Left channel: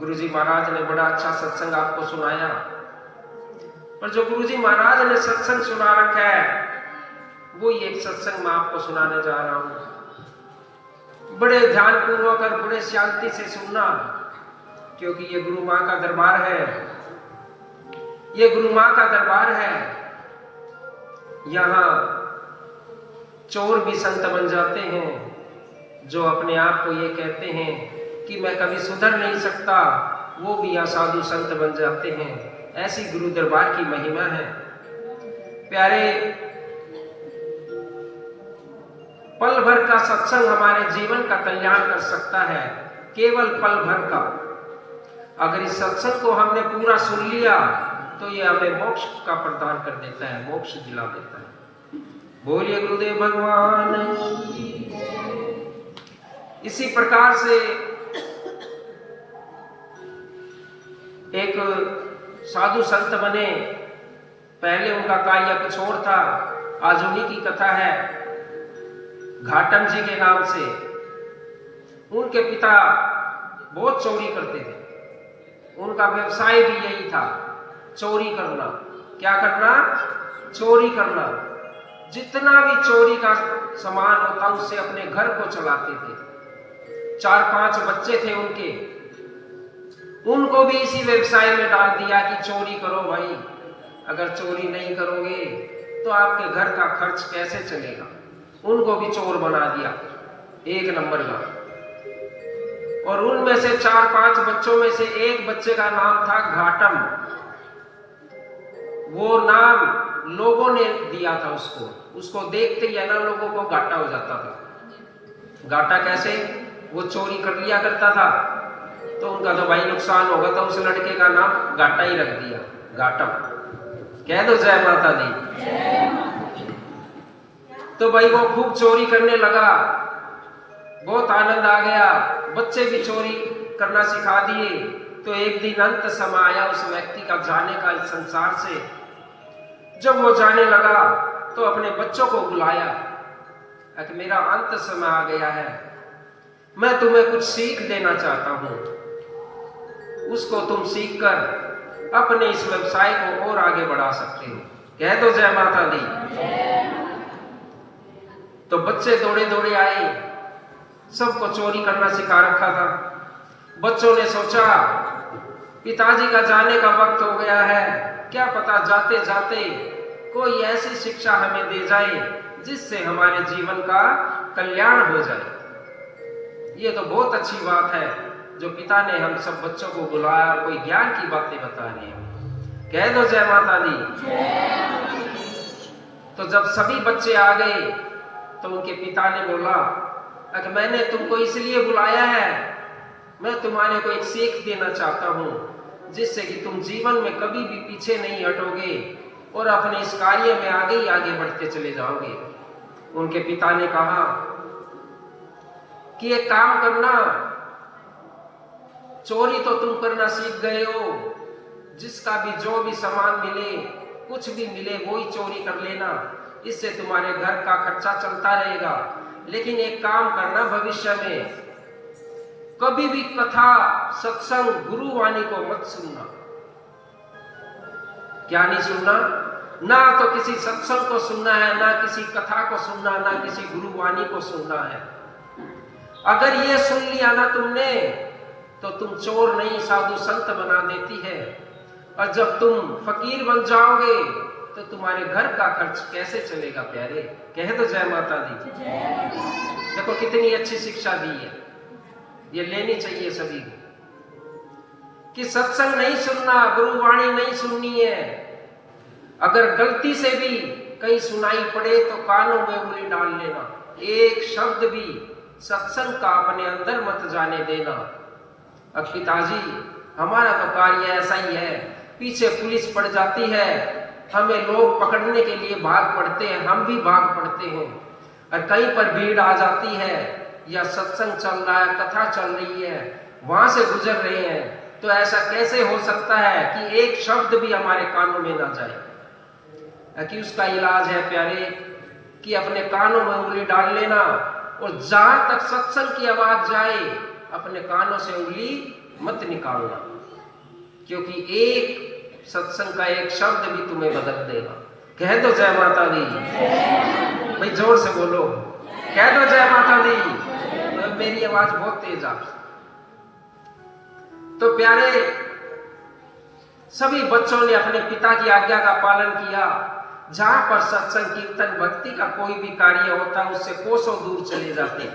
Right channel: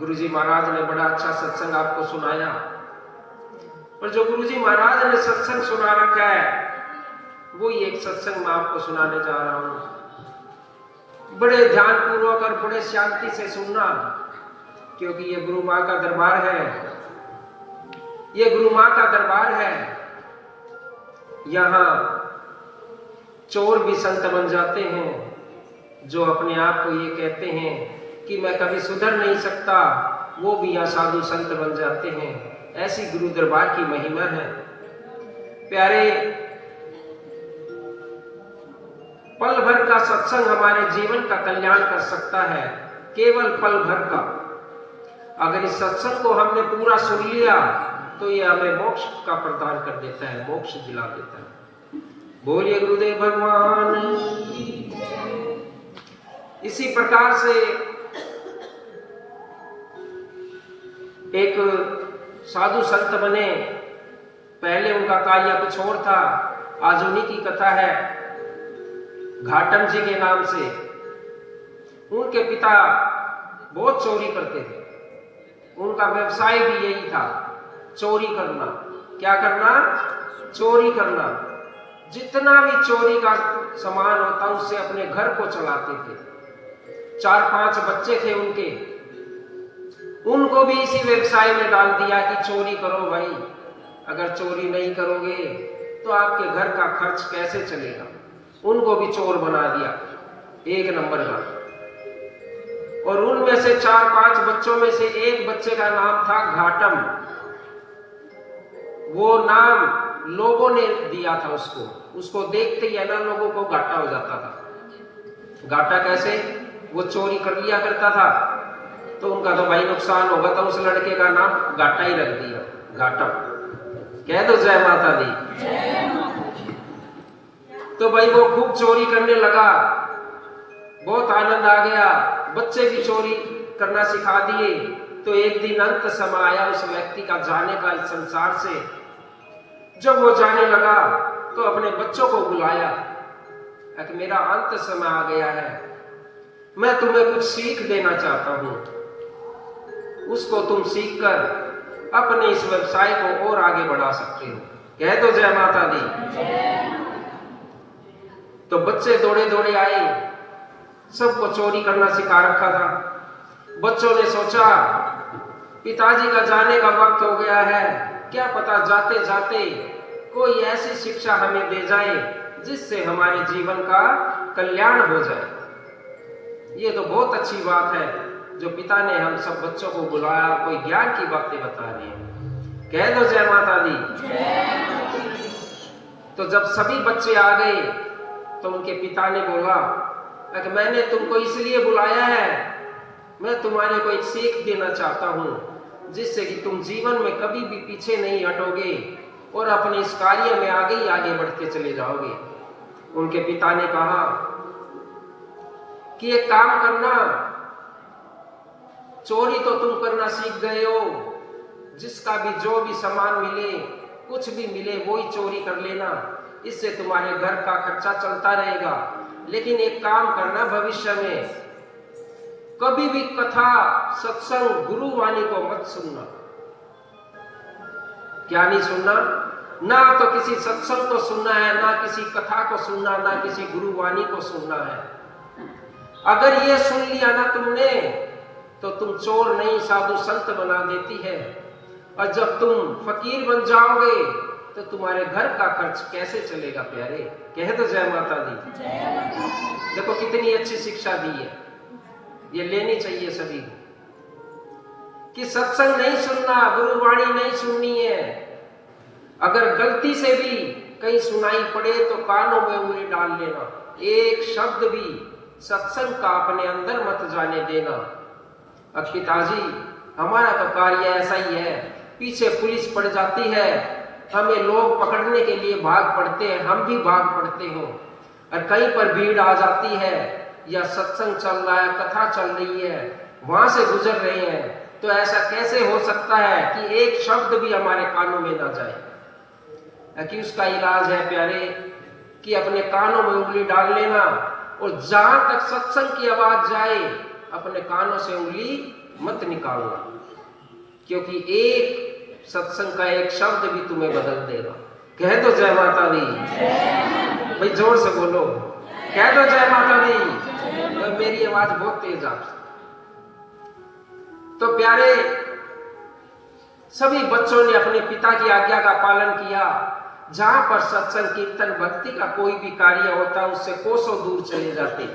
गुरुजी महाराज ने बड़ा अच्छा सत्संग आपको सुनाया, और जो गुरुजी महाराज ने सत्संग सुना रखा है वो ही एक सत्संग मैं आपको सुनाने जा रहा हूं। बड़े ध्यान पूर्वक और बड़े शांति से सुनना, क्योंकि ये गुरु मां का दरबार है, ये गुरु मां का दरबार है। यहां चोर भी संत बन जाते हैं, जो अपने आप को ये कहते हैं कि मैं कभी सुधर नहीं सकता, वो भी यहाँ साधु संत बन जाते हैं। ऐसी गुरु दरबार की महिमा है। प्यारे, पल भर का सत्संग हमारे जीवन का कल्याण कर सकता है, केवल पल भर का। अगर इस सत्संग को हमने पूरा सुन लिया तो ये हमें मोक्ष का प्रदान कर देता है, मोक्ष दिला देता है। बोलिए गुरुदेव भगवान। इसी प्रकार से एक साधु संत बने। पहले उनका कार्य कुछ और था। आज उन्हीं की कथा है। घाटम जी के नाम से उनके पिता बहुत चोरी करते थे। उनका व्यवसाय भी यही था, चोरी करना। क्या करना? चोरी करना। जितना भी चोरी का सामान होता उससे अपने घर को चलाते थे। 4-5 बच्चे थे उनके, उनको भी इसी व्यवसाय में डाल दिया कि चोरी करो भाई, अगर चोरी नहीं करोगे तो आपके घर का खर्च कैसे चलेगा। उनको भी चोर बना दिया, एक नंबर का। और उनमें से 4-5 बच्चों में से एक बच्चे का नाम था घाटम। वो नाम लोगों ने दिया था उसको देखते ही ना लोगों को घाटा हो जाता था। घाटा कैसे? वो चोरी कर लिया करता था तो उनका तो भाई नुकसान होगा, तो उस लड़के का नाम घाटा ही रख दिया, घाटम। कह दो जय माता दी। तो भाई वो खूब चोरी करने लगा, बहुत आनंद आ गया, बच्चे भी चोरी करना सिखा दिए। तो एक दिन अंत समय आया उस व्यक्ति का जाने का इस संसार से। जब वो जाने लगा तो अपने बच्चों को बुलाया कि मेरा अंत समय आ गया है, मैं तुम्हें कुछ सीख देना चाहता हूं, उसको तुम सीख कर अपने इस व्यवसाय को और आगे बढ़ा सकते हो। कह दो जय माता दी। तो बच्चे दौड़े दौड़े आए, सबको चोरी करना सिखा रखा था। बच्चों ने सोचा पिताजी का जाने का वक्त हो गया है, क्या पता जाते जाते कोई ऐसी शिक्षा हमें दे जाए जिससे हमारे जीवन का कल्याण हो जाए। ये तो बहुत अच्छी बात है जो पिता ने हम सब बच्चों को बुलाया, कोई ज्ञान की बातें बता रही है। कह दो जय माता दी। तो जब सभी बच्चे आ गए तो उनके पिता ने बोला कि मैंने तुमको इसलिए बुलाया है, मैं तुम्हारे को एक सीख देना चाहता हूं जिससे कि तुम जीवन में कभी भी पीछे नहीं हटोगे और अपने इस कार्य में आगे ही आगे बढ़ते चले जाओगे। उनके पिता ने कहा कि एक काम करना, चोरी तो तुम करना सीख गए हो, जिसका भी जो भी सामान मिले, कुछ भी मिले वो ही चोरी कर लेना, इससे तुम्हारे घर का खर्चा चलता रहेगा। लेकिन एक काम करना, भविष्य में कभी भी कथा सत्संग गुरुवाणी को मत सुनना। क्या नहीं सुनना? ना तो किसी सत्संग को सुनना है, ना किसी कथा को सुनना, ना किसी गुरुवाणी को सुनना है। अगर ये सुन लिया ना तुमने तो तुम चोर नहीं साधु संत बना देती है। और जब तुम फकीर बन जाओगे तो तुम्हारे घर का खर्च कैसे चलेगा प्यारे। कह दो जय माता दी। देखो कितनी अच्छी शिक्षा दी है, ये लेनी चाहिए सभी कि सत्संग नहीं सुनना, गुरुवाणी नहीं सुननी है। अगर गलती से भी कहीं सुनाई पड़े तो कानों में उंगली डाल लेना, एक शब्द भी सत्संग का अपने अंदर मत जाने देना। अब पिताजी हमारा तो कार्य ऐसा ही है, पीछे पुलिस पड़ जाती है, हमें लोग पकड़ने के लिए भाग पड़ते हैं, हम भी भाग पड़ते हैं, और कहीं पर भीड़ आ जाती है या सत्संग चल रहा है, कथा चल रही है, वहां से गुजर रहे हैं, तो ऐसा कैसे हो सकता है कि एक शब्द भी हमारे कानों में ना जाए। कि उसका इलाज है प्यारे कि अपने कानों में उंगली डाल लेना, और जहां तक सत्संग की आवाज जाए अपने कानों से उंगली मत निकालना, क्योंकि एक सत्संग का एक शब्द भी तुम्हें बदल देगा। कह दो जय माता दी, भाई जोर से बोलो, कह दो जय माता दी। मेरी आवाज बहुत तेज आप। तो प्यारे, सभी बच्चों ने अपने पिता की आज्ञा का पालन किया। जहां पर सत्संग, कीर्तन, भक्ति का कोई भी कार्य होता है उससे कोसों दूर चले जाते।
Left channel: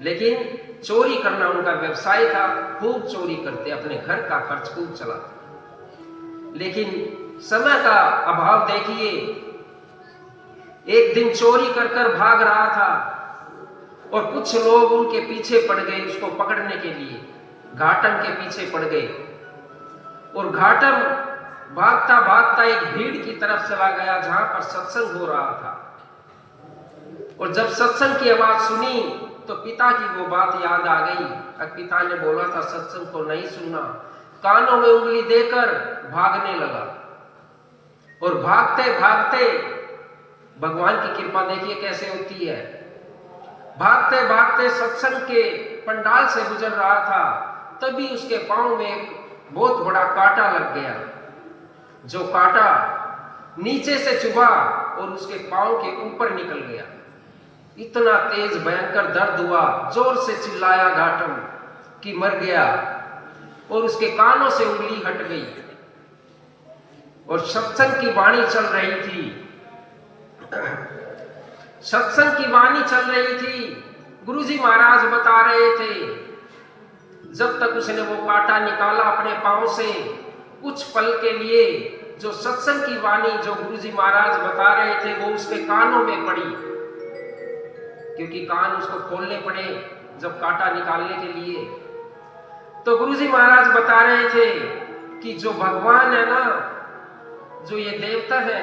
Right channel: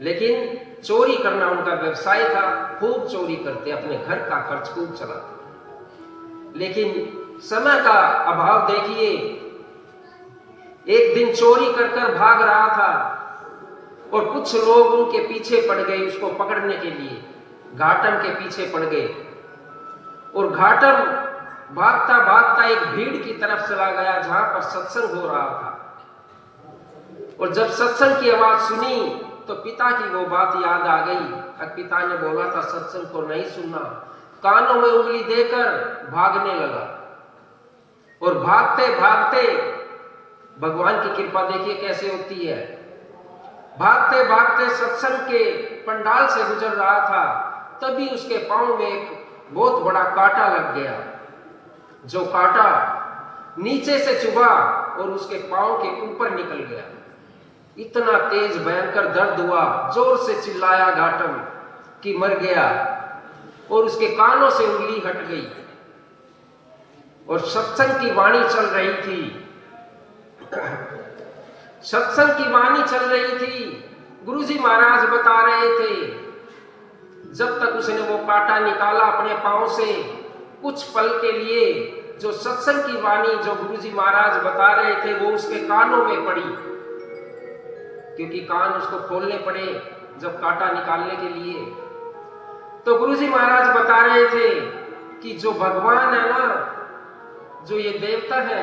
लेकिन चोरी करना उनका व्यवसाय था, खूब चोरी करते, अपने घर का खर्च खूब चलाते। लेकिन समय का अभाव देखिए, एक दिन चोरी कर भाग रहा था और कुछ लोग उनके पीछे पड़ गए उसको पकड़ने के लिए। घाटम के पीछे पड़ गए और घाटम भागता भागता एक भीड़ की तरफ चला गया जहां पर सत्संग हो रहा था। और जब सत्संग की आवाज सुनी तो पिता की वो बात याद आ गई। पिता ने बोला था सत्संग को नहीं सुनना। कानों में उंगली देकर भागने लगा और भागते भागते, भगवान की कृपा देखिए कैसे होती है, भागते भागते सत्संग के पंडाल से गुजर रहा था। तभी उसके पांव में एक बहुत बड़ा कांटा लग गया, जो कांटा नीचे से चुभा और उसके पांव के ऊपर निकल गया। इतना तेज भयंकर दर्द हुआ, जोर से चिल्लाया घाटम कि मर गया, और उसके कानों से उंगली हट गई और सत्संग की वाणी चल रही थी। सत्संग की वाणी चल रही थी। गुरुजी महाराज बता रहे थे, जब तक उसने वो कांटा निकाला अपने पांव से, कुछ पल के लिए जो सत्संग की वाणी जो गुरुजी महाराज बता रहे थे वो उसके कानों में पड़ी, क्योंकि कान उसको खोलने पड़े जब कांटा निकालने के लिए। तो गुरुजी महाराज बता रहे थे कि जो भगवान है ना, जो ये देवता है,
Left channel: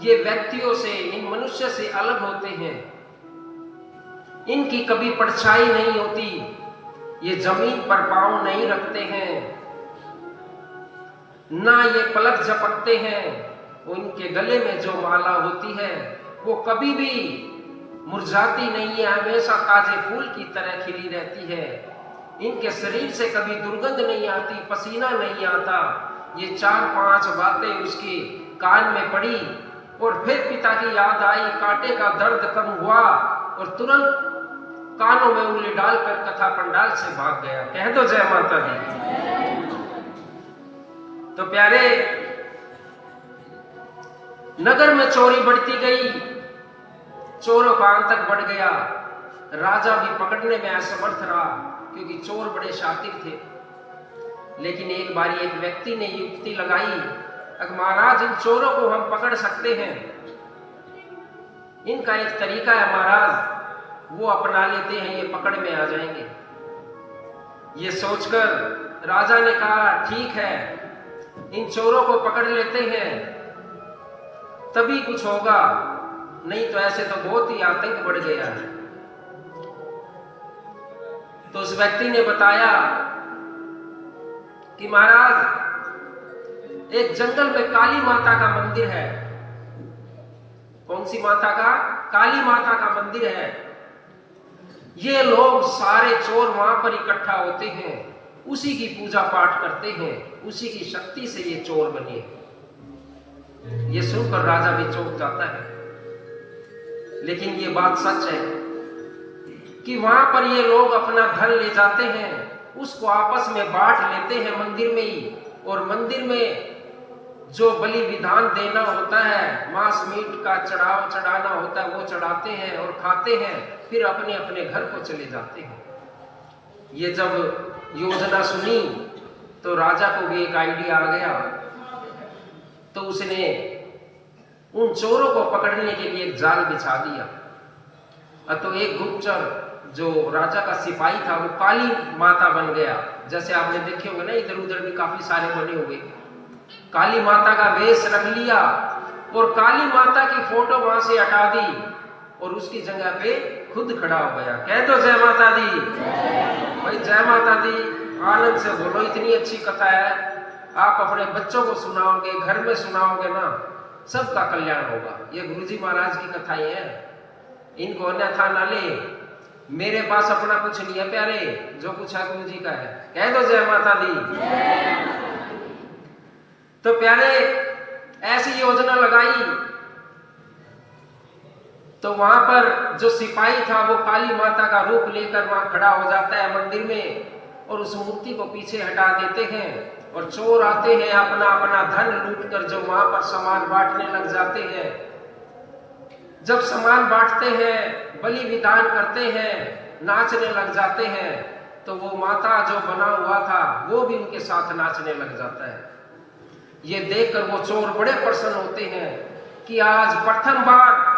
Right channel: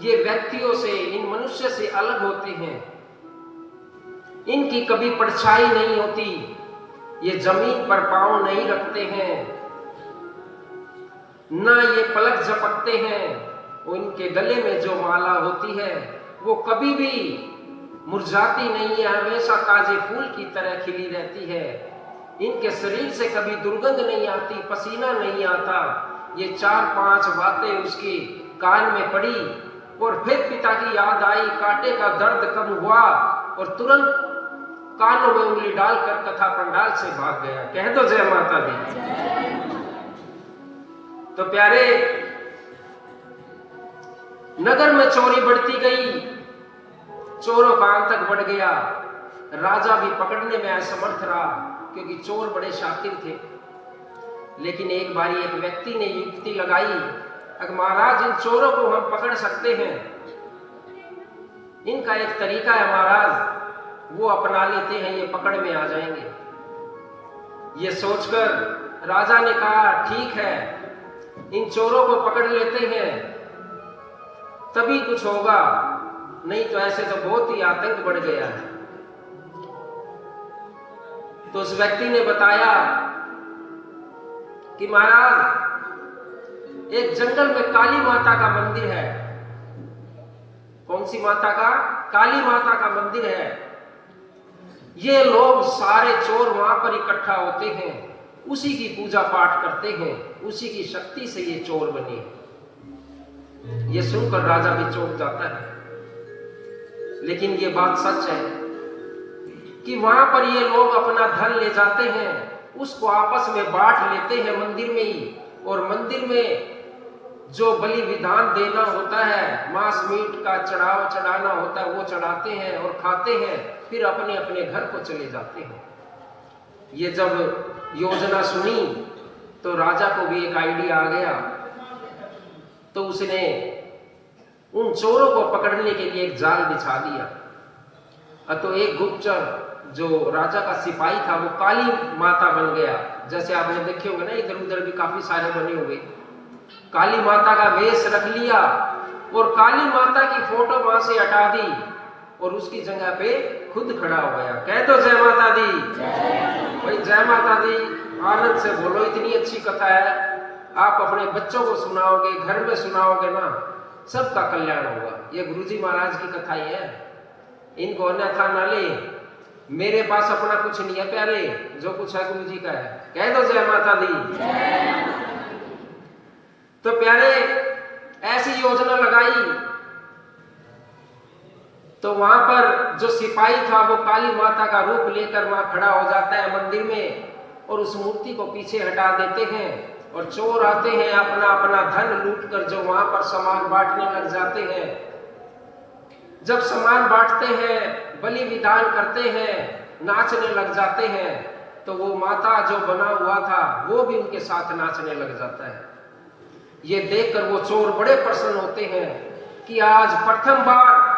ये व्यक्तियों से, इन मनुष्य से अलग होते हैं। इनकी कभी परछाई नहीं होती, ये जमीन पर पांव नहीं रखते हैं, ना ये पलक झपकते हैं। उनके गले में जो माला होती है वो कभी भी मुरझाती नहीं है, हमेशा ताजे फूल की तरह खिली रहती है। इनके शरीर से कभी दुर्गंध नहीं आती, पसीना नहीं आता। ये 4-5 बातें उसके कान में पड़ी और फिर पिता की याद आई, कांटे का दर्द कम हुआ और तुरंत कानों में उंगली डालकर कथा पंडाल से भाग गया। कह दो जय माता दी। तो प्यारे, नगर में चोरी बढ़ती गई, चोरों का आतंक बढ़ गया। राजा भी पकड़ने में असमर्थ रहा, क्योंकि चोर बड़े शातिर थे। लेकिन एक बारी एक व्यक्ति ने युक्ति लगाई, अगर महाराज इन चोरों को हम पकड़ सकते हैं, इनका एक तरीका है महाराज, वो अपना लेते हैं, ये पकड़ में आ जाएंगे। ये सोचकर राजा ने कहा ठीक है, इन चोरों को पकड़ लेते हैं, तभी कुछ होगा, नहीं तो ऐसे तो बहुत ही आतंक बढ़ गया है। तो उस व्यक्ति ने बताया कि महाराज, एक जंगल में काली माता का मंदिर है। कौन सी माता का? काली माता का मंदिर है। ये लोग सारे चोर वहां पर इकट्ठा होते हैं, उसी की पूजा पाठ करते हैं, उसी की शक्ति से ये चोर बने। ये सुनकर राजा भी चौंक जाता है। लेकिन ये बात सच है कि वहां पर ये लोग अपना धन ले जाते हैं, उसको आपस में बांट लेते हैं मंदिर में ही, और मंदिर में जो बलि विधान देना होता है, मांस मीट का चढ़ाना होता है, वो चढ़ाते हैं और खाते हैं, फिर अपने अपने घर को चले जाते हैं। ये जब योजना सुनी तो राजा को भी एक आइडिया आ गया। तो उसने उन चोरों को पकड़ने के लिए एक जाल बिछा दिया। तो एक गुप्तचर जो राजा का सिपाही था वो काली माता बन गया। जैसे आपने देखे होंगे ना, इधर उधर भी काफी सारे बने हुए। काली माता का वेश रख लिया और काली माता की फोटो वहां से हटा दी और उसकी जगह पे खुद खड़ा हो गया। कह दो जय माता दी। भाई जय माता दी, आनंद से बोलो। इतनी अच्छी कथा है, आप अपने बच्चों को सुनाओगे, घर में सुनाओगे ना, सबका कल्याण होगा। ये गुरुजी महाराज की कथा ही है, इनको अन्यथा न ले। मेरे पास अपना कुछ नहीं है प्यारे, जो कुछ है गुरु जी का है। कह दो जय माता दी। तो प्यारे ऐसी योजना लगाई तो वहां पर जो सिपाही था वो काली माता का रूप लेकर वहां खड़ा हो जाता है मंदिर में और उस मूर्ति को पीछे हटा देते हैं और चोर आते हैं अपना अपना धन लूटकर जो वहां पर सामान बांटने लग जाते हैं। जब सामान बांटते हैं, बलि विधान करते हैं, नाचने लग जाते हैं, तो वो माता जो बना हुआ था वो भी उनके साथ नाचने लग जाता है। ये देखकर वो चोर बड़े प्रसन्न होते हैं कि आज प्रथम बार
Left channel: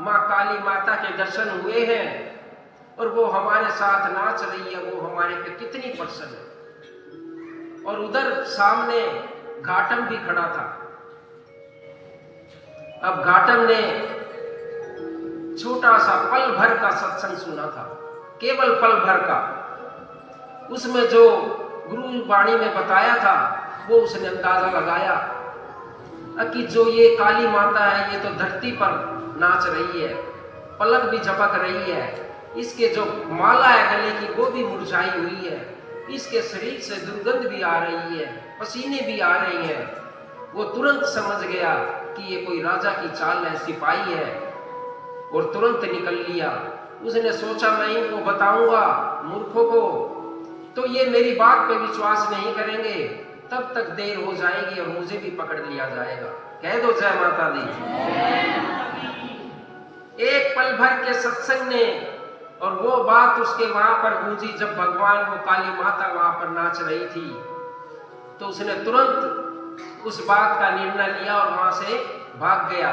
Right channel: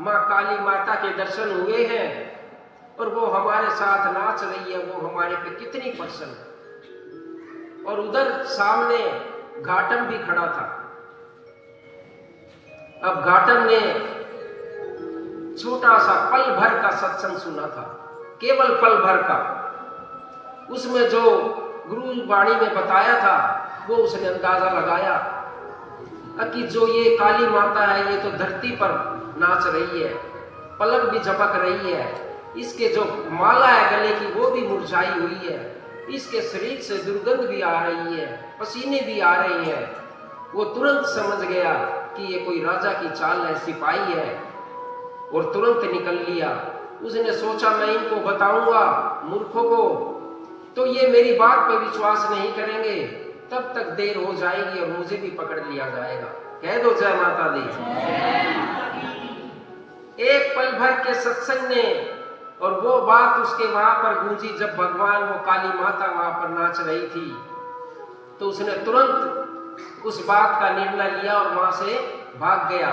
माँ काली माता के दर्शन हुए हैं और वो हमारे साथ नाच रही है, वो हमारे पे कितनी प्रसन्न है। और उधर सामने घाटम भी खड़ा था। अब घाटम ने छोटा सा पल भर का सत्संग सुना था, केवल पल भर का। उसमें जो गुरु वाणी में बताया था वो उसने अंदाजा लगाया कि जो ये काली माता है ये तो धरती पर नाच रही है, पलक भी झपक रही है, इसके जो माला है गले की वो भी मुरझाई हुई है, इसके शरीर से दुर्गंध भी आ रही है, पसीने भी आ रही है। वो तुरंत समझ गया कि ये कोई राजा की चाल है, सिपाही है, और तुरंत निकल लिया। उसने सोचा मैं इनको बताऊंगा मूर्खों को तो ये मेरी बात पे विश्वास नहीं करेंगे, तब तक देर हो जाएगी और मुझे भी पकड़ लिया जाएगा। कह दो जय माता दी। एक पल भर के सत्संग ने और वो बात उसके वहां पर गूंजी जब भगवान वो काली माता वहां पर नाच रही थी, तो उसने तुरंत उस बात का निर्णय लिया और वहां से भाग गया।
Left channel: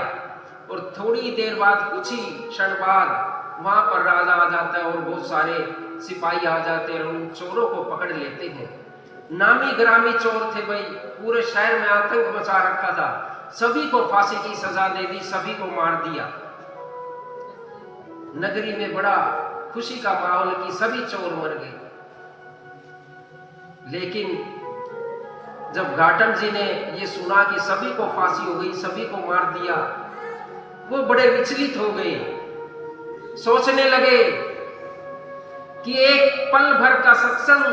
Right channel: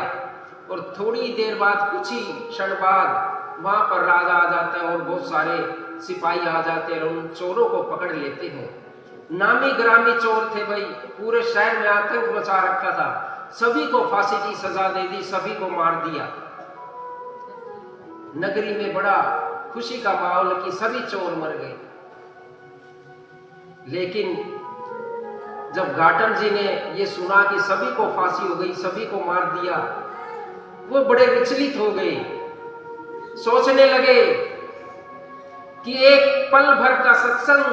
और थोड़ी देर बाद, कुछ ही क्षण बाद वहां पर राजा आ जाता है और बहुत सारे सिपाही आ जाते हैं और उन चोरों को पकड़ लेते हैं। नामी ग्रामी चोर थे भाई, पूरे शहर में आतंक मचा रखा था, सभी को फांसी की सजा दे दी, सभी को मार दिया। नगरी में बड़ा खुशी का माहौल कि सभी चोर मर गए। लेकिन जब घाटम जी ने ये सुना कि सभी को फांसी हो गई, सभी को मार दिया, वो बड़े विचलित हो गए। सोचने लगे कि एक पल भर का सत्संग,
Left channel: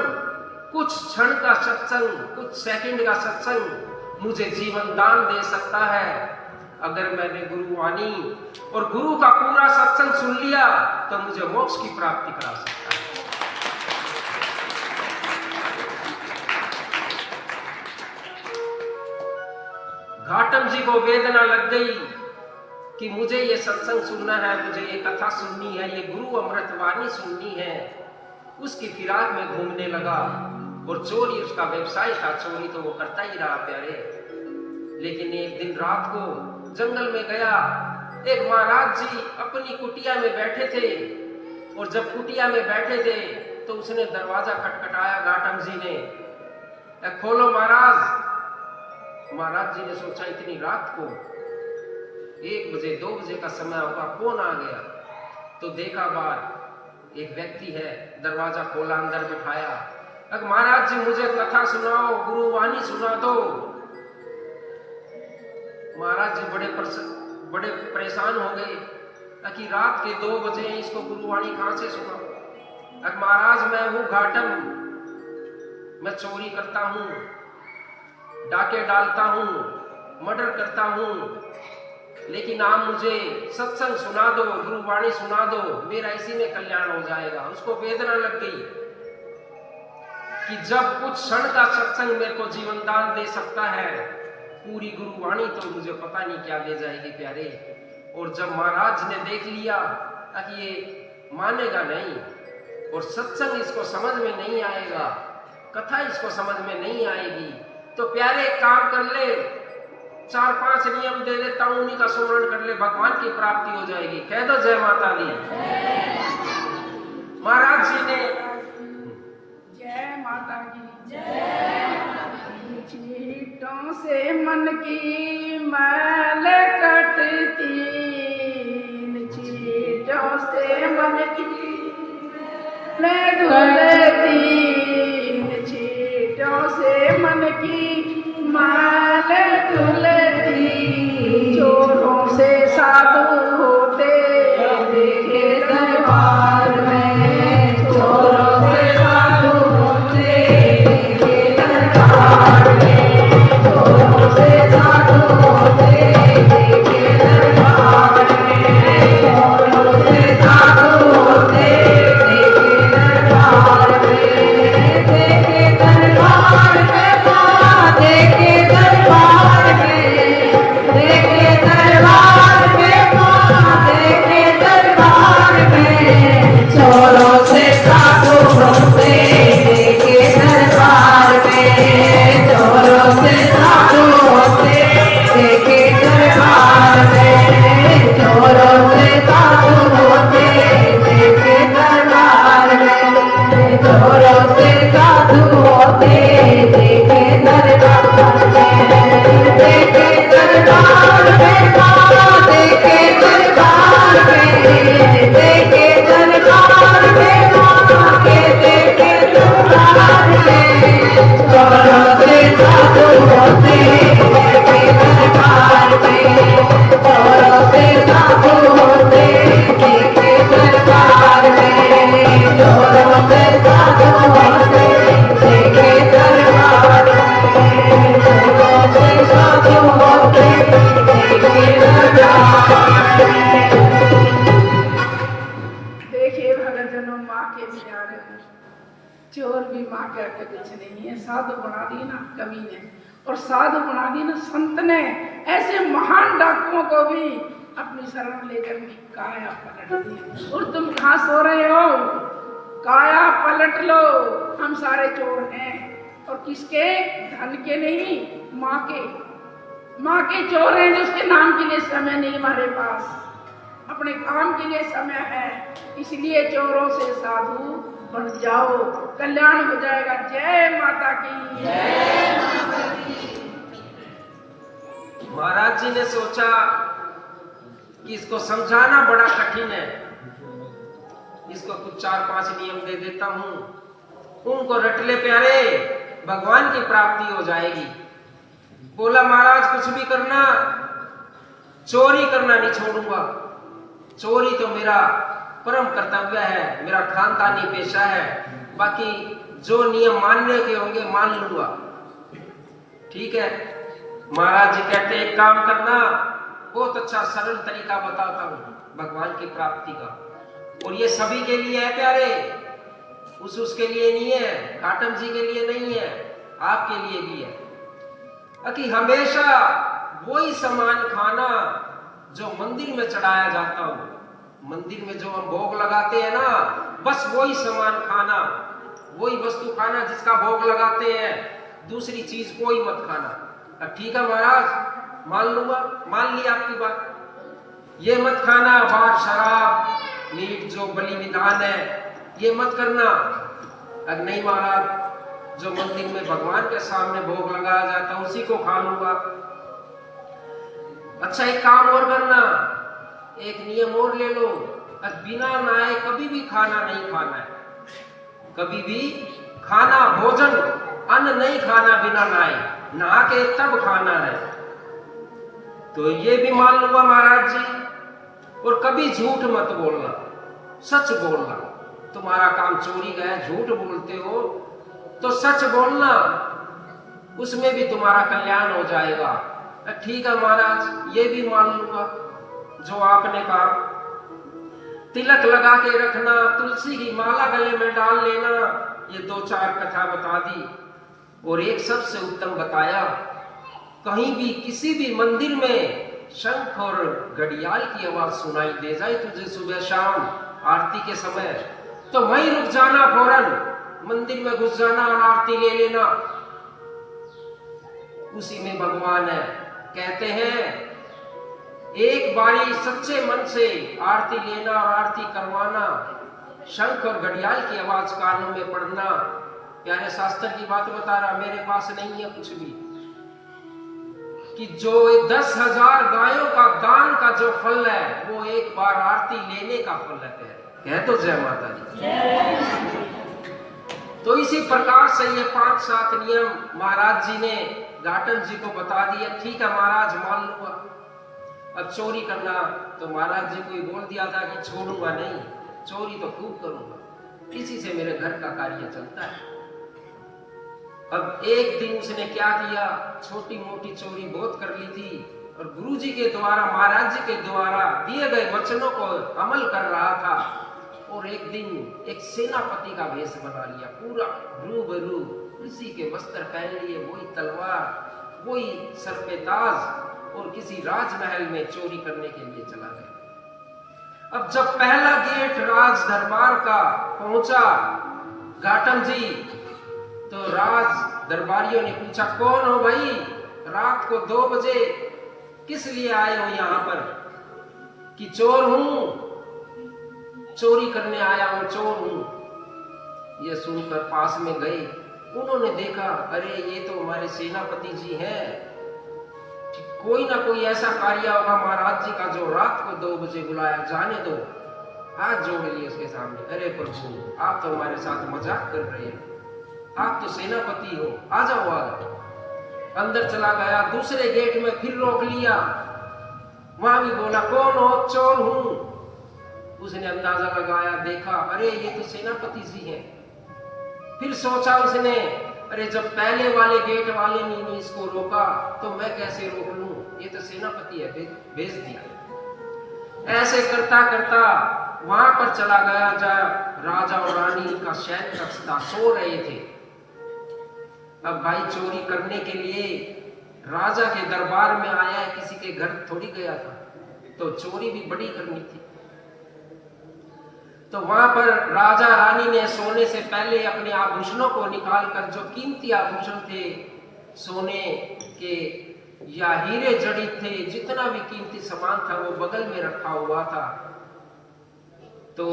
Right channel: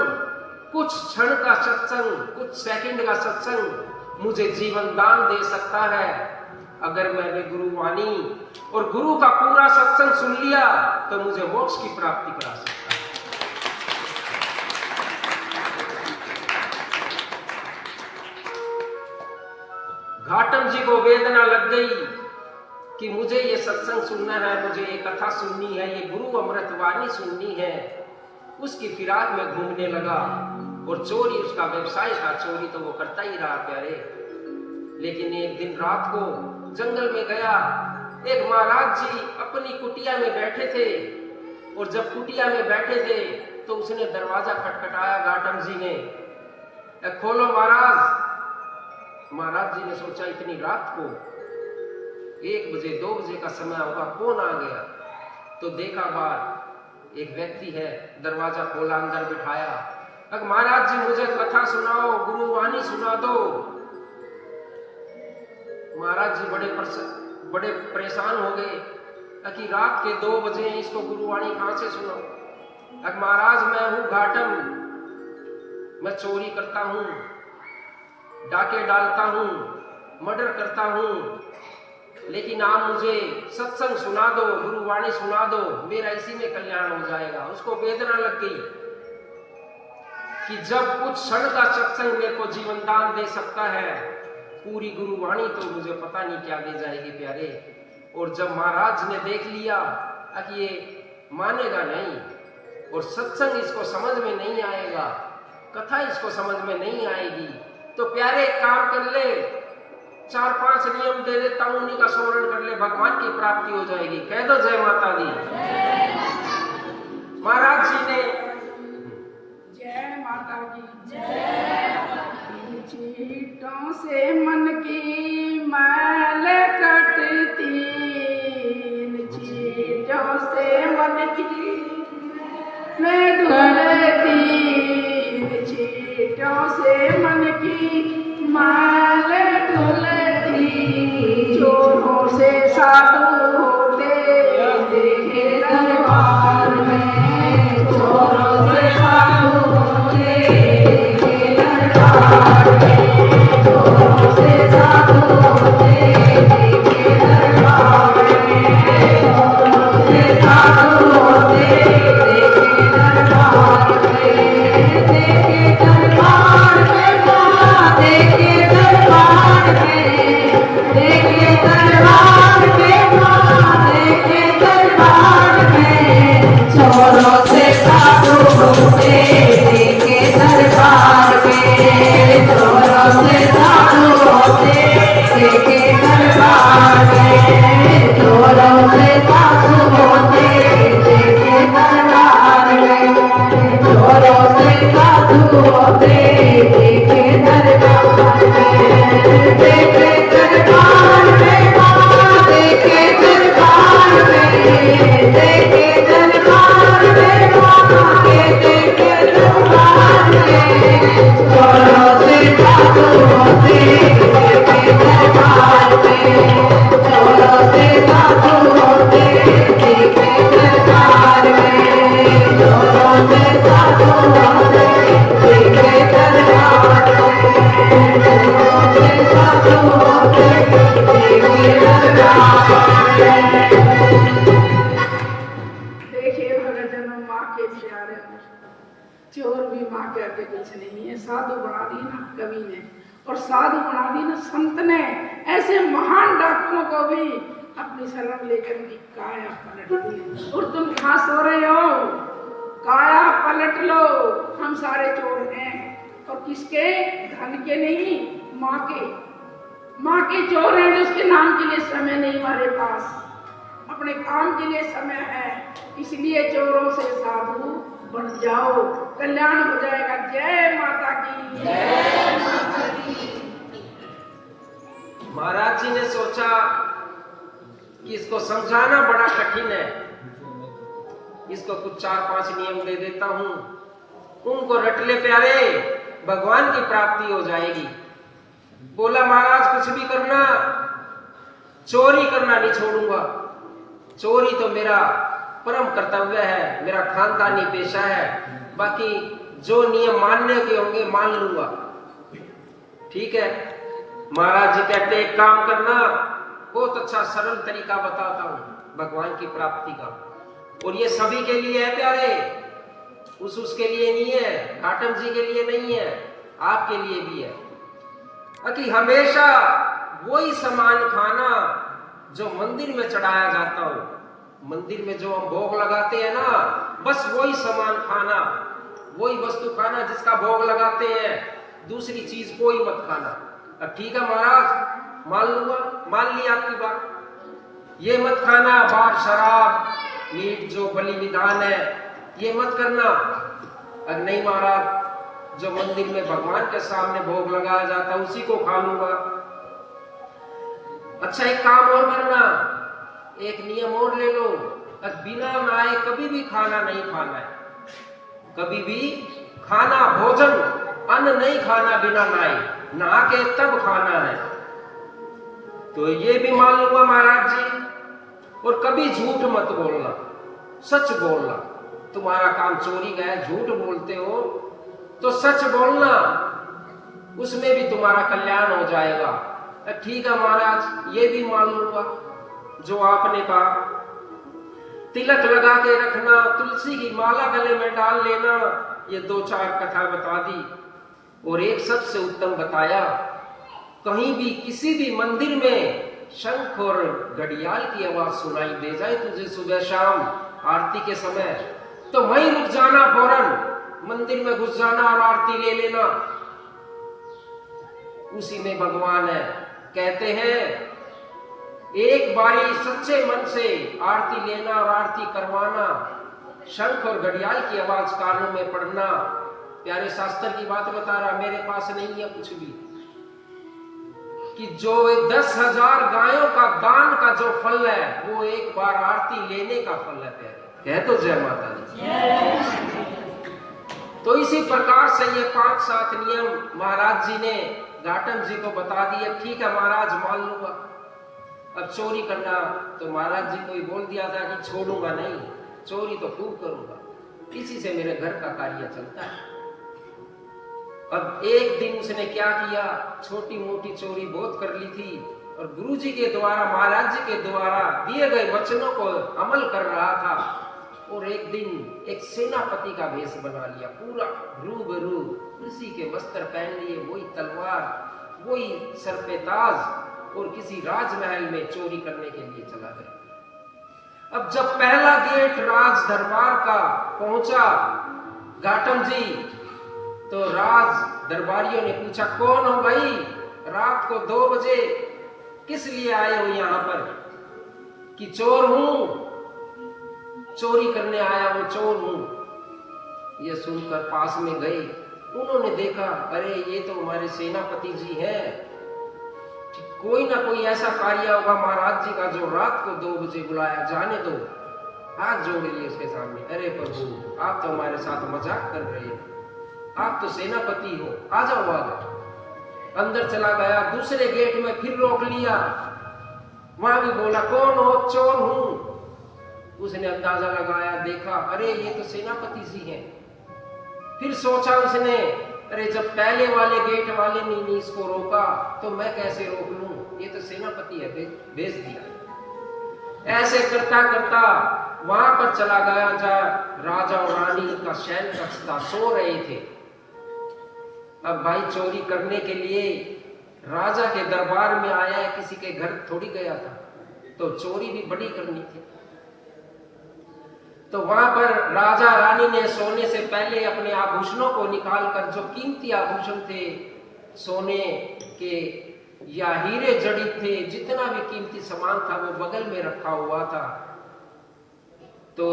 कुछ क्षण का सत्संग, कुछ सेकंड का सत्संग मुझे जीवन दान दे सकता है। अगर मैंने गुरु वाणी और गुरु का पूरा सत्संग सुन लिया तो मुझे मोक्ष की प्राप्ति करा सकता है। घाटम जी को वेदना लग गई कि मुझे ये सत्संग सुनना है, मुझे ये कथा सुननी है, ये गुरु अमृत वाणी सुननी है। उसकी फिराक में घूमने लगा और चोरी उसका व्यवसाय था, चोरी तो वो करता ही रहा प्यारे। लेकिन एक दिन रात को जंगल में गया, एक महाराज जी अपनी कुटिया में बैठे थे और जब कुटिया में बैठे थे तो उसने दरवाजा खटखटाया घाटम जी ने, खोलो महाराज। महाराज जी ने सोचा इतनी रात को 1 बजे 2 बजे का समय होगा, कौन आ गया? तो देखा बाहर एक व्यक्ति है, दरवाजा खोला, अंदर बिठाया। अब महाराज जी मुझे कथा सुनाओ, गुरु वाणी सुना दो। महाराज जी बड़े परेशान हो गए कि रात के 2 बजे इसको गुरु वाणी कहां से सुनाओ? अब महाराज मैं हूं घाटम, मैं चोरी करता हूं, डाके डालता हूं, मर्डर करता हूं, लेकिन आप मुझे सत्संग सुना दो, गुरु वाणी सुना दो, मेरा इसी में कल्याण हो जाएगा। उसको वेदना लग गई कि जब कुछ क्षण का सत्संग मेरे को जीवन दान दे सकता है, पूरी गुरु वाणी तो मुझे पता नहीं क्या दे जाएगी प्यारे। और जब महाराज ने देख लिया कि ये मानेगा नहीं और सत्संग इसको समझ में नहीं आएगा, कथा इसको समझ में नहीं आएगी, तो प्यारे एक काम कर ले, 4-5 नियम दे देता हूं, उन्हीं का स्मरण कर ले, भगवान की प्राप्ति हो जाएगी। कह दो जय माता दी। महाराज जी ने जय माता की जय। चीटों से मन की मैल कटती, चीटों से मन की मैल धुलती, चीटों से मन की मैल धुलती, चोरों से साधु होते देखे दरबार में। देखिए भगत जनों, माँ के प्यारे हैं। चोर भी माँ करके कुछ नहीं है, साधु बना दी ना कवि ने, और साधु बना दी ना संत ने। ऐसे महान डाकुओं को भी अपनी शरण लेकर उनकी काया पलट दी। और तुम कहाँ सो रहे हो? काया पलट लो, हम सारे चोर हैं। और किसके? धन के नहीं, माँ के। माँ के चोर हैं, जिसके नाम के लिए समय नहीं हमारे पास, अपने काम के लिए समय है। इसलिए चोरों से साधु बन जाओ, कल्याण हो जाएगा। जय माता की। जय माता की। महाराज जी ने सोचा कि इसको समझाना बड़ा कठिन है, इसको कुछ 4-5 नियम दे देता हूं, उनको रट ले प्यारे, भगवान की प्राप्ति हो जाएगी। बोला महाराज कुछ भी करना, चोरी करना नहीं छोड़ूंगा। चोरी तो मेरा परम कर्तव्य है, मेरा खानदानी पेशा है। बाकी जो नियम मानने के होंगे मान लूंगा। ठीक है। महाराज जी कहते एक काम करना, बहुत अच्छा सरल तरीका बताता हूं भगवान की प्राप्ति का, और ये सभी के लिए है प्यारे, उसके लिए नहीं है, घाटम जी के लिए नहीं है, आपके लिए भी है। कि हमेशा वही सामान खाना जो मंदिर में चढ़ाया जाता हो। मंदिर में जो हम भोग लगाते हैं ना, बस वही सामान खाना, वही वस्तु खाना जिसका भोग लगाते हैं, दूसरी चीज कोई मत खाना। अब ठीक है महाराज, मान लूंगा, मान ली आपकी बात। ये मत खाना, बार शराब मीट जो बलि विधान है ये मत करना। अब नहीं महाराज, जो मंदिर में भगवान के सामने भोग लगाया जाता है उसी को खा लूंगा। अच्छा एक काम और करना, एक नियम और ले लो, बिना नहाए कभी भी खाना नहीं खाना है। कभी भी खाना, भोजन, अन्न नहीं खाना बिना नहाए, नहा के तब खाना है। तो ये भी मान लूंगा महाराज जी। और कभी झूठ मत बोलना, सच बोलना। तुम्हारा काम चोरी का है, झूठ बोलते हो तो सच बोलना, उसमें भी तुम्हारा कल्याण हो जाएगा। ठीक है महाराज, ये भी मान लूंगा जो आपने कहा। तिलक लगा के रखना, तुलसी की माला गले में डाल लेना, ये 2-4 कथा बता दी। और एक सबसे उत्तम बताया, कहीं भी किसी भी मंदिर में शंख और घड़ियाल की आवाज सुनाई दे जाए तुझे सुबह शाम आरती के समय, तो वहीं रुक जाना, फौरन मंदिर में घुस जाना और आरती ले लेना। उसी में भगवान है। कहते हैं एक बारी सच्चे मन से आरती लेना और आरती करवाना, शंख और घड़ियाल की आवाज कानों में पड़ना। प्यारे शास्त्र की बात बता रहा, मेरे पास नहीं है कुछ भी, कि जो 10,000 गायों का दान का जो फल है वो एक बार आरती लेने का फल है। कह तो जय माता दी। तो इसी प्रकार से ये 5-7 नियम महाराज जी ने घाटम जी को बता दिए। ठीक है महाराज, मान लूंगा। अब चोरी करना तो महाराज जी को ही बोल दिया था कि छोड़ूंगा नहीं, चोरी तो खूब करूंगा, इसी से मेरे घर का कार्य चलता है। अब एक दिन उसने क्या किया, छोटी मोटी चोरी बहुत कर ली थी, और गुरु जी के द्वारा, महाराज जी के द्वारा दिए गए वचनों को अमल कर रहा था। और एक दिन एक सेनापति का वेश बना लिया, पूरा रूबरू, उसी के वस्त्र पहन लिए, वही तलवार, वही सर पे ताज, और किसी राजमहल में चोरी करने के लिए चला गया। अब जब पहला गेट राज दरबार का पहुंचा घाटम जी, तो राज दरबारियों ने पूछा, कौन हो भाई, रात को 2 बजे किस लिए आए हो यहाँ पर? कि चोर हूं, चोरी करने आया हूं, चोर हूं। ये सुनकर पास में गए, उन्होंने देखा, अरे ये तो हमारे सेनापति जी हैं, कोई ना कोई ऐसा कार्य होगा महाराज जी का जो रात को 2 बजे बुलाया, जाने दो। हाथ जोड़ लिए उसके सामने, अरे प्रभु आप तो हमारे साथ मजाक कर रहे हैं, आप तो सेनापति हो, आ जाओ आ जाओ। अंदर चला गया, दूसरे गेट में फिर रोक लिया। वहां भी बोला कौन हो? चोर हूं। उसने अंदाजा लगाया, देखा अरे ये तो सेनापति जी हैं। फिर सोचा उसने, अरे जब पहले वाले गेट वाले ने इसको रोका तो मैं कैसे रोक लूं, ये तो सेनापति है, भेज दिया। ऐसे करता करता वहां पर चला गया जहाँ राजा और रानी का शयन कक्ष था, सो रहे थे। अब भाई चोरी करने के लिए राजा के दरबार में आया है, किसी के घर थोड़ी गया था, तो चोरी भी बड़ी करनी थी। तो वहां पर राजा रानी ने सोने से पहले अपने आभूषणों को निकालकर, जो कीमती आभूषण थे सोने के या हीरे जड़ित थे, जितना भी कीमती सामान था वो बगल में रखा हुआ था। तो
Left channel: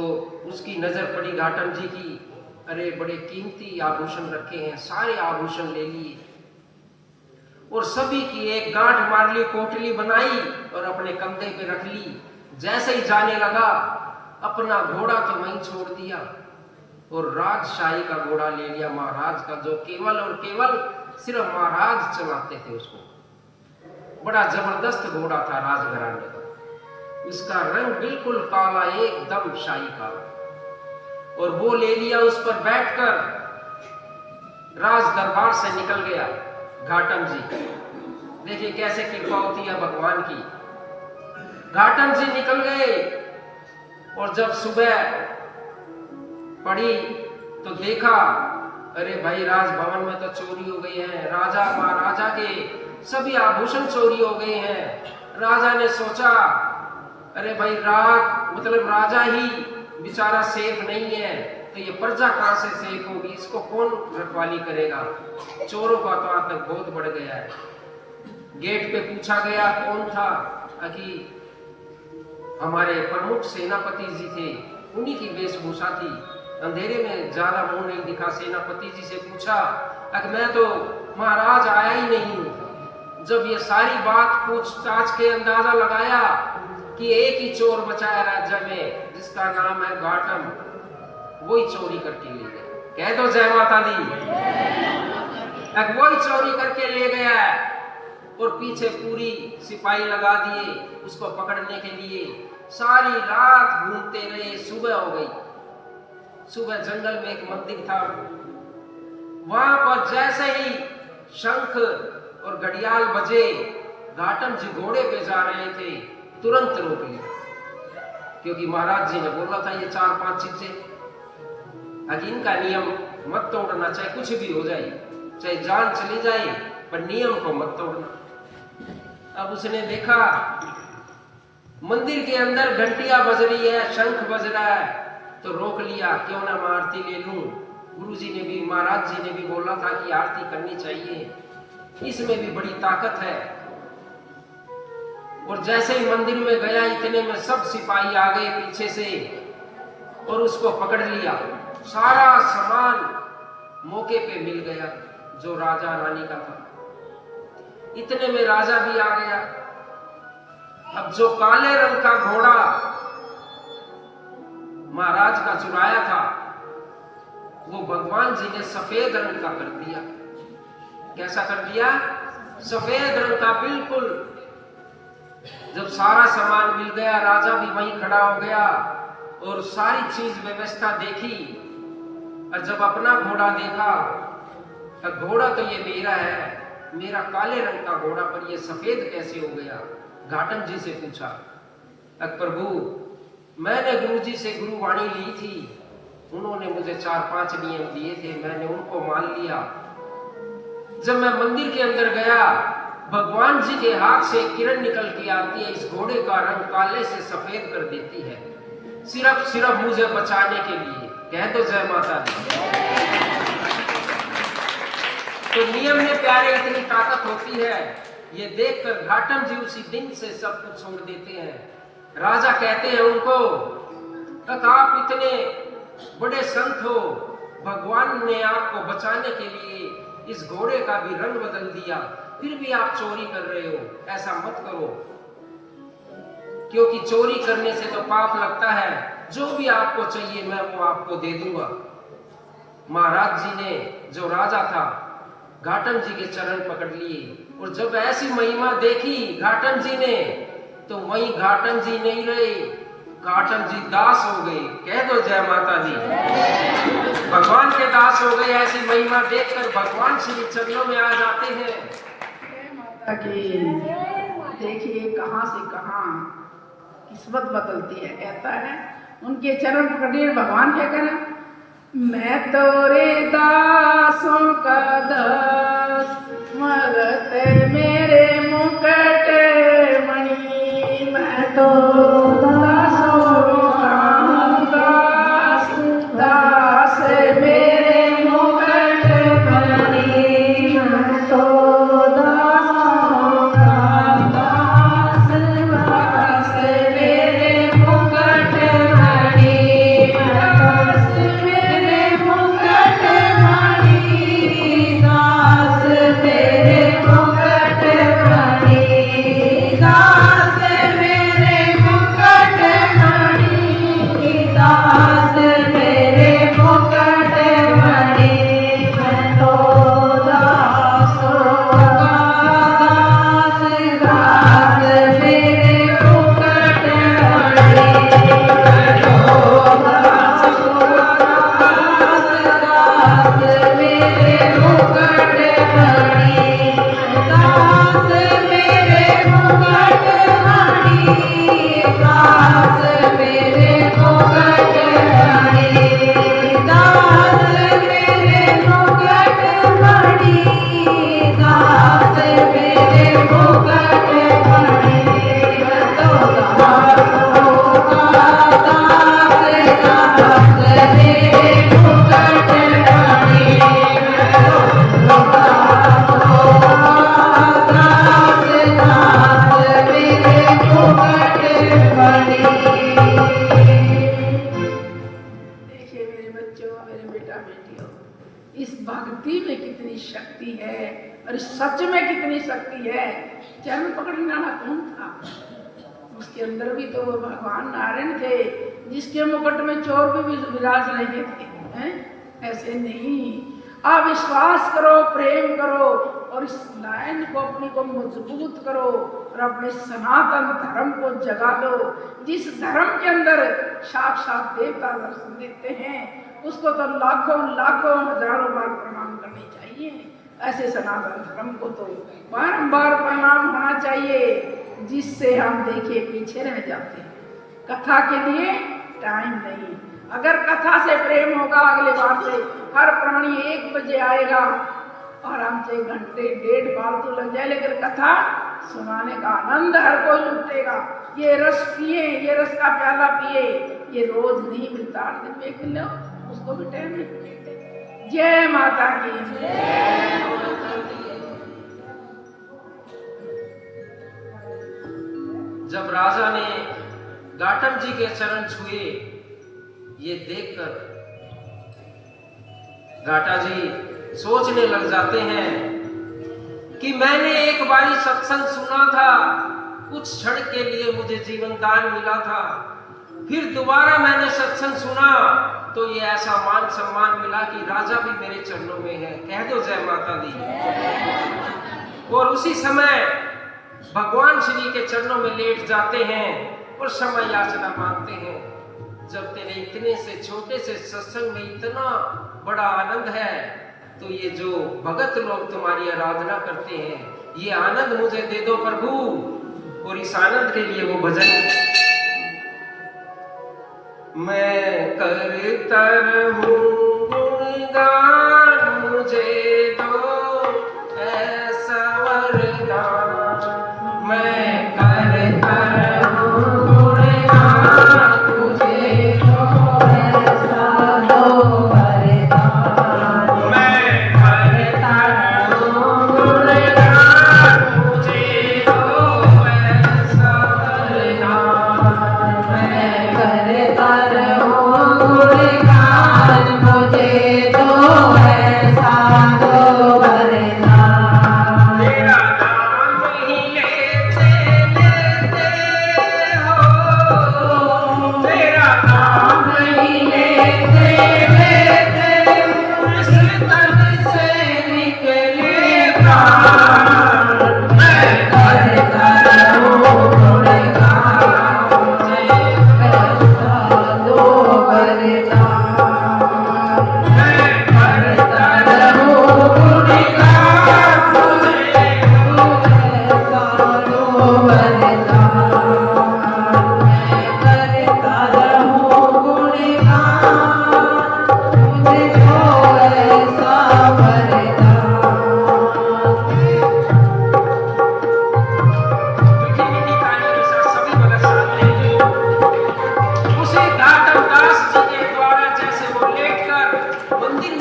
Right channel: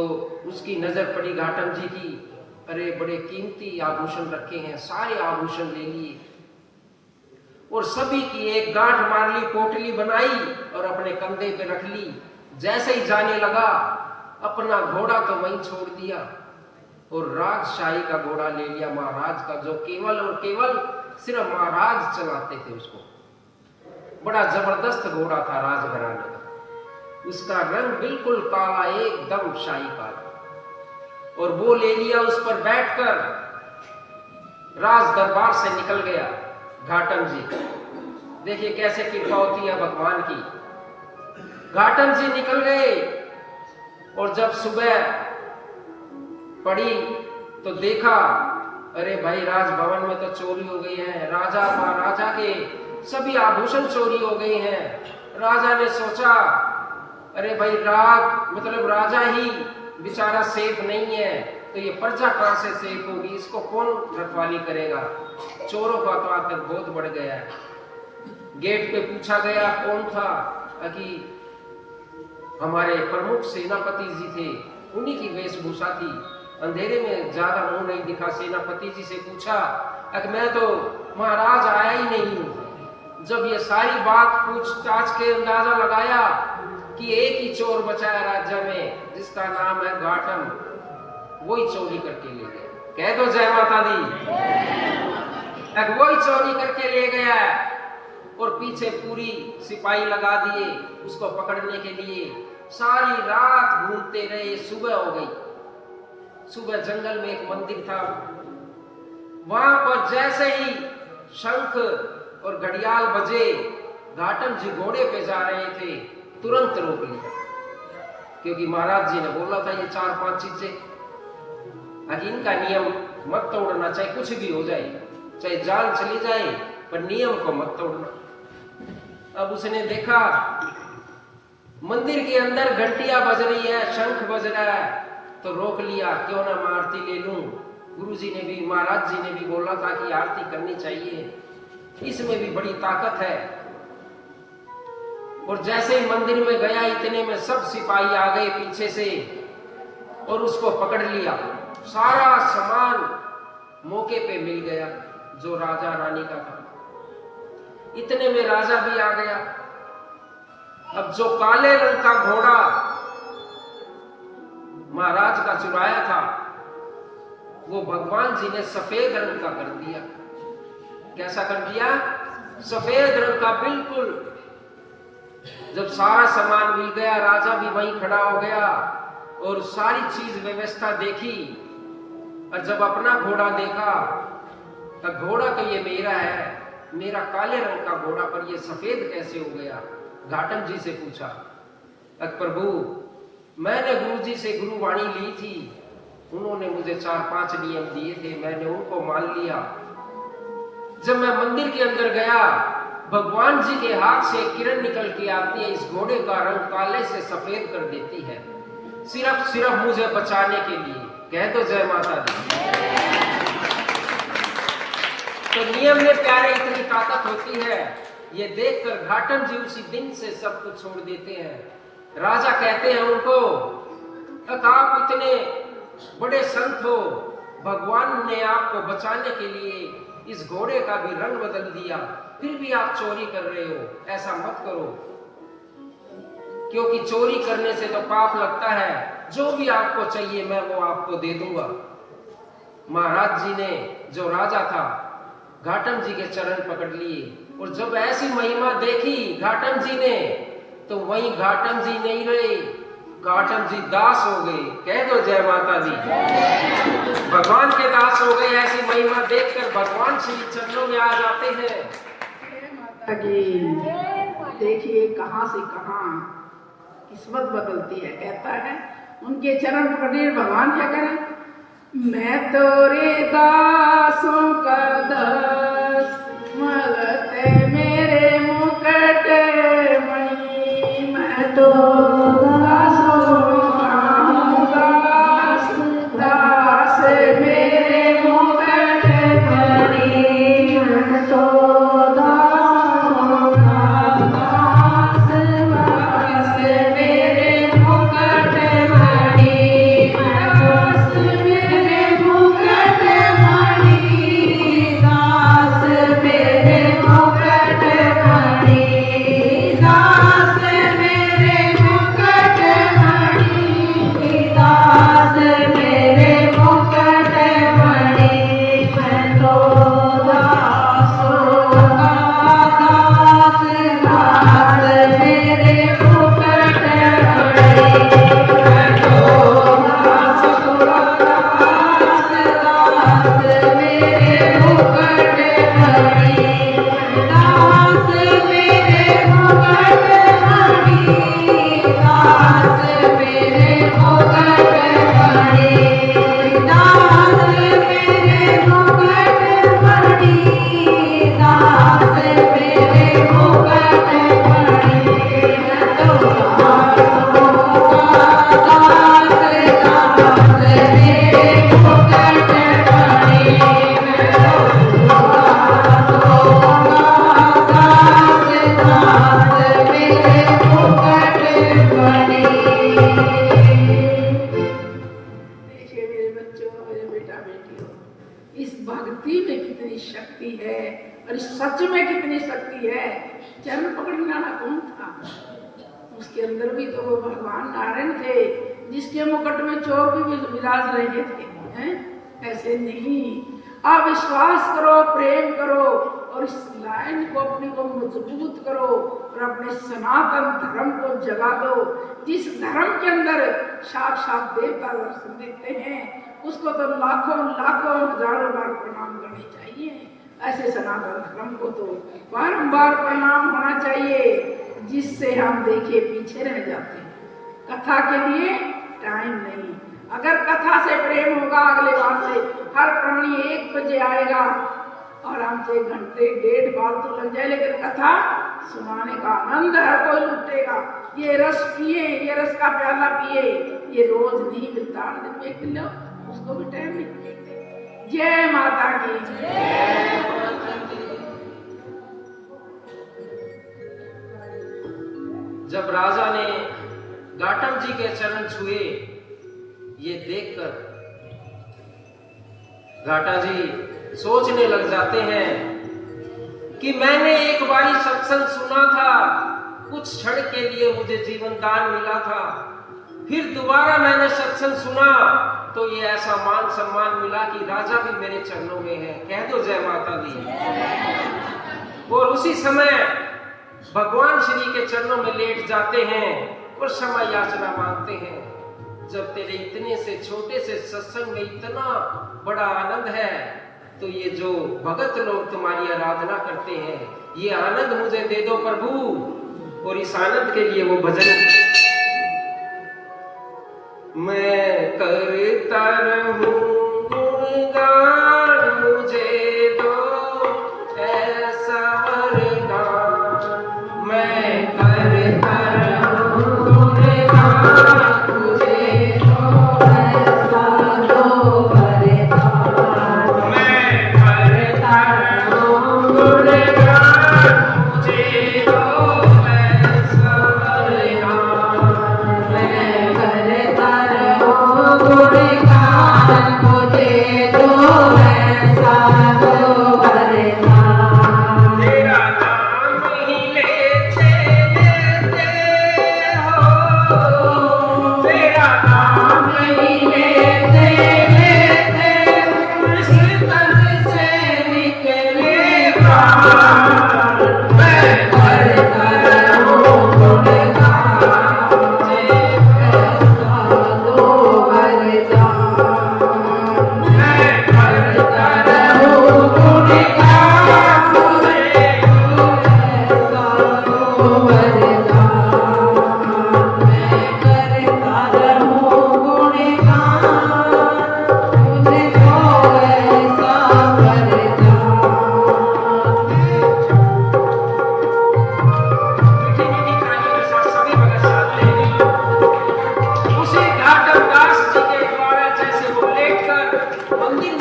उसकी नजर पड़ी घाटम जी की, अरे बड़े कीमती आभूषण रखे हैं, सारे आभूषण ले लिए और सभी की एक गांठ मार ली, पोटली बनाई और अपने कंधे पे रख ली। जैसे ही जाने लगा, अपना घोड़ा तो वहीं छोड़ दिया और राजशाही का घोड़ा ले लिया, महाराज का, जो केवल और केवल सिर्फ महाराज चलाते थे उसको। बड़ा जबरदस्त घोड़ा था राजघराने का, उसका रंग बिल्कुल काला, एकदम शाही काला, और वो ले लिया। उस पर बैठकर राज दरबार से निकल गया घाटम जी। देखिए कैसे कृपा होती है भगवान की। घाटम जी निकल गए और जब सुबह पड़ी तो देखा, अरे भाई राजभवन में तो चोरी हो गई है, राजा महाराजा के सभी आभूषण चोरी हो गए हैं। राजा ने सोचा, अरे भाई राजा ही बेचारा सेफ नहीं है, तो ये प्रजा कहां से सेफ होगी, इसको कौन रखवाली करेगा। चोरों का तो आतंक बहुत बढ़ गया है। गेट पे पूछा गया कौन था, कि हमारे प्रमुख सेनापति जी थे, उन्हीं की वेशभूषा थी। अंधेरे में ज्यादा मुंह नहीं दिखा। सेनापति जी से पूछा, मैं तो महाराज आया ही नहीं हूं। जब ये सारी बात पूछताछ के अंदाजा लगाया कि एक ही चोर बचा है राज्य में, जिसका नाम है घाटम, वही चोरी करके ले गया। कह दो जय माता दी। वही चोरी करके ले गया है और पीछे पूरी सिपाही लगा दिए उसको पकड़ने के लिए। सारी रात घूमते रहे, सुबह हो गई। सुबह जंगल में एक मंदिर था, वहां पर जैसे ही शंख और घड़ियाल बजे, घाटम जी घोड़े पे जा रहे थे, तुरंत रोक लिया, क्योंकि महाराज जी ने बोला था ये 4-5 चीजें, इनका नियम मत तोड़ना, चाहे कुछ भी हो जाए, चाहे जान चली जाए, पर नियम को मत तोड़ना। अब उसने देखा मंदिर के अंदर घंटियां बज रही है, शंख बज रहा है, तो रोक लिया, क्यों ना मैं आरती ले लूं। गुरुजी ने भी, महाराज जी ने भी बोला था कि आरती करनी चाहिए, इसमें भी बड़ी ताकत है। और जैसे ही मंदिर में गया, इतने में सब सिपाही आ गए पीछे से और उसको पकड़ लिया। सारा सामान मौके पे मिल गया जो राजा रानी का था। इतने में राजा भी आ गया। अब जो काले रंग का घोड़ा महाराज का चुराया था, वो भगवान जी ने सफेद रंग का कर दिया। कैसा कर दिया? सफेद रंग का, बिल्कुल। जब सारा सामान मिल गया, राजा भी वहीं खड़ा हो गया और सारी चीज व्यवस्था देखी, और जब अपना घोड़ा देखा तो घोड़ा तो ये मेरा है, मेरा काले रंग का घोड़ा, पर ये सफेद कैसे हो गया? घाटम जी से पूछा, प्रभु मैंने गुरुजी से गुरुवाणी ली थी, उन्होंने मुझे 4-5 नियम दिए थे, मैंने उनको मान लिया। जब मैं मंदिर के अंदर गया, भगवान जी के हाथ से किरण निकल के आती है, इस घोड़े का रंग काले से सफेद कर देती है, सिर्फ मुझे बचाने के लिए। कह दो जय माता दी। तो नियम में प्यारे इतनी ताकत होती है, ये देखकर घाटम जी उसी दिन से सब कुछ छोड़ देते हैं। राजा कहते हैं उनको, आप इतने बड़े संत हो, भगवान ने आपको बचाने के लिए इस घोड़े का भी रंग बदल दिया, फिर भी आप चोरी कर रहे हो, ऐसा मत करो, क्योंकि चोरी करने से तो पाप लगता है। जो भी आपको चाहिए मैं वो आपको दे दूंगा। महाराज जी ने, जो राजा था, घाटम जी के चरण पकड़ लिए और जब ऐसी महिमा देखी घाटम जी ने, तो वहीं घाटम जी नहीं रहे, घाटम जी दास हो गए। कह दो जय माता दी। भगवान के दास हो गए। ऐसी महिमा देखकर भगवान श्री चरणों में आ जाते हैं। जय माता की। देखिए कहाँ से कहाँ किस्मत बदलती है। कहता है उनके चरण पकड़िए, भगवान क्या करें, मैं तोरे दासों का दास, मगत मेरे मुकुट मणि, मैं तो दासों का दास, दास मेरे मुकुट मणि, मैं तो दासों का दास, दास मेरे मुकुट मणि, दास मेरे मुकुट मणि, दास मेरे मुकुट मणि, दास मेरे मुकुट मणि, दास मेरे मुकुट मणि, मैं तो दासों का दास, दास मेरे मुकुट मणि, मैं तो दासों का दास, दास मेरे मुकुट मणि, दास मेरे मुकुट मणि, दास मेरे मुकुट मणि, दास मेरे मुकुट मणि, दास मेरे मुकुट मणि, मैं तो दासों का दास, दास मेरे मुकुट मणि, मैं तो दासों का दास, दास मेरे मुकुट मणि। देखिए मेरे बच्चों, मेरे बेटा बेटियों, इस भक्ति में कितनी शक्ति है और इस सच में कितनी शक्ति है। चरण पकड़ने वाला कौन था? उसके अंदर भी तो वो भगवान नारायण थे, जिसके मुकुट में चोर भी विराज रहे थे, हैं? ऐसे नहीं। आप विश्वास करो, प्रेम करो और इस लाइन को अपनी को मजबूत करो और अपने सनातन धर्म को जगा दो। जिस धर्म के अंदर साक्षात देवता दर्शन देते हैं, उसको तो लाखों लाखों हजारों बार प्रणाम करनी चाहिए। ऐसे सनातन धर्म को तो बारंबार प्रणाम होना चाहिए, जिससे हम देखिए पीछे रह जाते हैं। कथा के लिए टाइम नहीं। अगर कथा से प्रेम होगा, अगले बार से हर प्राणी 1 बजे आएगा, आराम से घंटे 1.5 फालतू लग जाए, लेकिन कथा सुनाने का आनंद हर कोई लुटेगा। ये रस पिए, ये रस का प्याला पिए, ये रोज नहीं मिलता, 8 दिन में 1 दिन लो, उसको भी टाइम नहीं मिलता। जय माता की। जब राजा ने घाटम जी के चरण छुए, ये देखकर घाटा जी सोचने लग जाते हैं कि मैंने एक बारी सत्संग सुना था, कुछ क्षण के लिए मुझे जीवन दान मिला था, फिर दोबारा मैंने सत्संग सुना तो ये ऐसा मान सम्मान मिला कि राजा भी मेरे चरणों में है। कह दो जय माता दी। और उसी समय भगवान श्री के चरणों में लेट जाते हैं और क्षमा याचना मांगते हैं। जब तेरे इतने से छोटे से सत्संग में इतना बड़ा आनंद है, तो ये जो भगत लोग तुम्हारी आराधना करते हैं, ये आनंद मुझे दे दो प्रभु। और इस आनंद के लिए वो भजन मैं करता रहूं गुणगान, मुझे दो ऐसा वरदान, मैं करता रहूं गुणगान, मुझे दो ऐसा दो वरदान, मैं करता रहूं गुणगान, मुझे दो ऐसा वरदान, मैं करता रहूं गुणगान,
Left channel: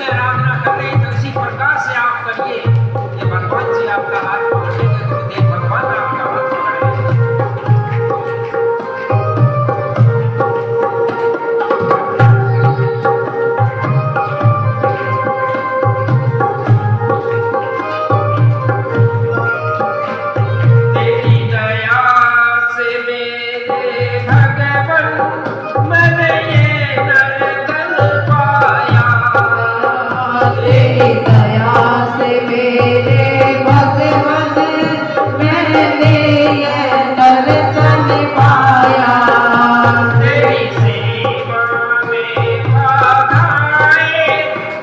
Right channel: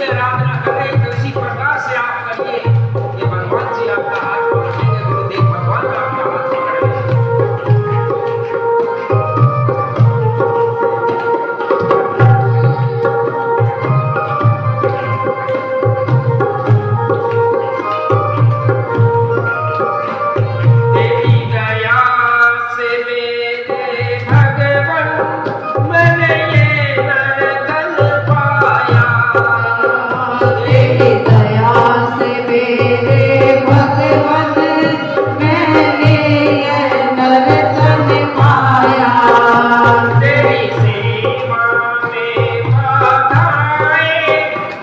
की आराधना कर रहे हैं तो इसी प्रकार से आप करिए। ये भगवान जी आपका हाथ पकड़ेंगे, गुरुदेव भगवान आपका हाथ पकड़ेंगे। तेरी दया से मेरे भगवन मैंने ये दर्शन पाया। तेरी दया से मेरे भगवन मैंने ये दर्शन पाया। तेरी सेवा में बाधाएं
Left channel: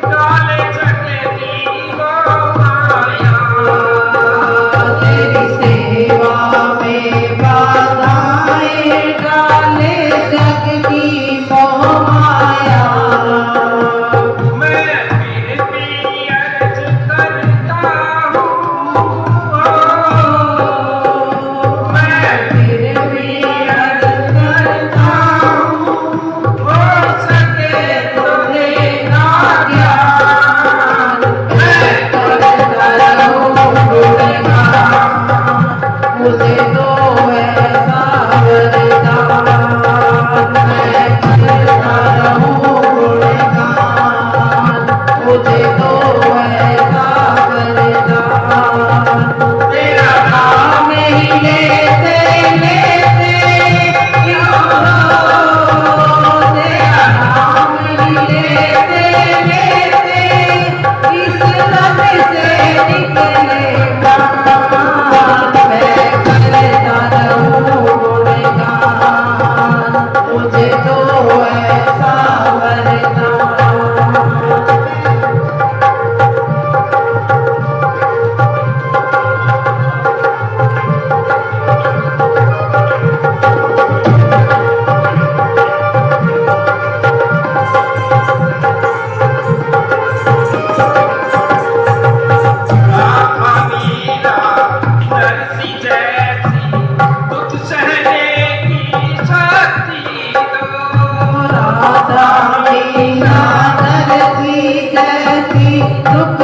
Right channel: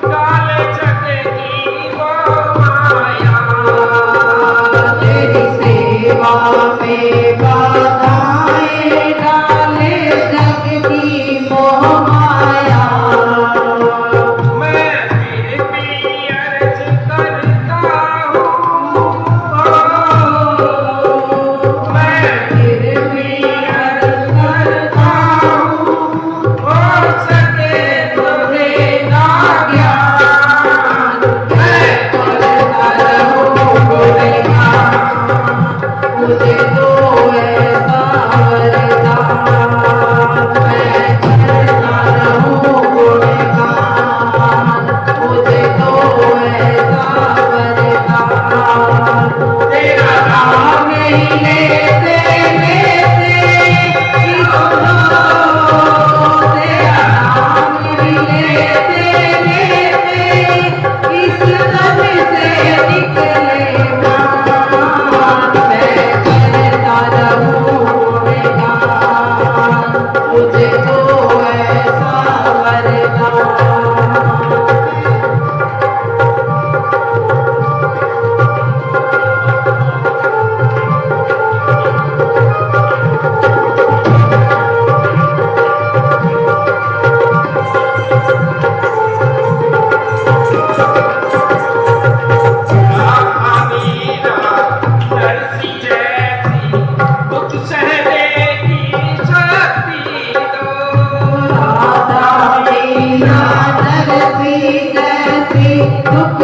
डाले जग की वो माया। तेरी सेवा में बाधाएं डाले जग की मोह माया। मैं फिर भी अर्ज करता हूँ, मैं फिर भी अर्ज करता हूँ, हो सके तो देना ज्ञान। मैं करता रहूं गुणगान, मुझे दो ऐसा वरदान। मैं करता रहूं गुणगान, मुझे दो ऐसा वरदान। तेरा नाम ही लेते लेते तेरा नाम ही लेते लेते इस तन से निकले प्राण। मैं करता रहूं गुणगान, मुझे तो ऐसा वरदान। मीरा नरसी जैसी दुख सहने की शक्ति दो। राधा मीरा नरसी जैसी दुख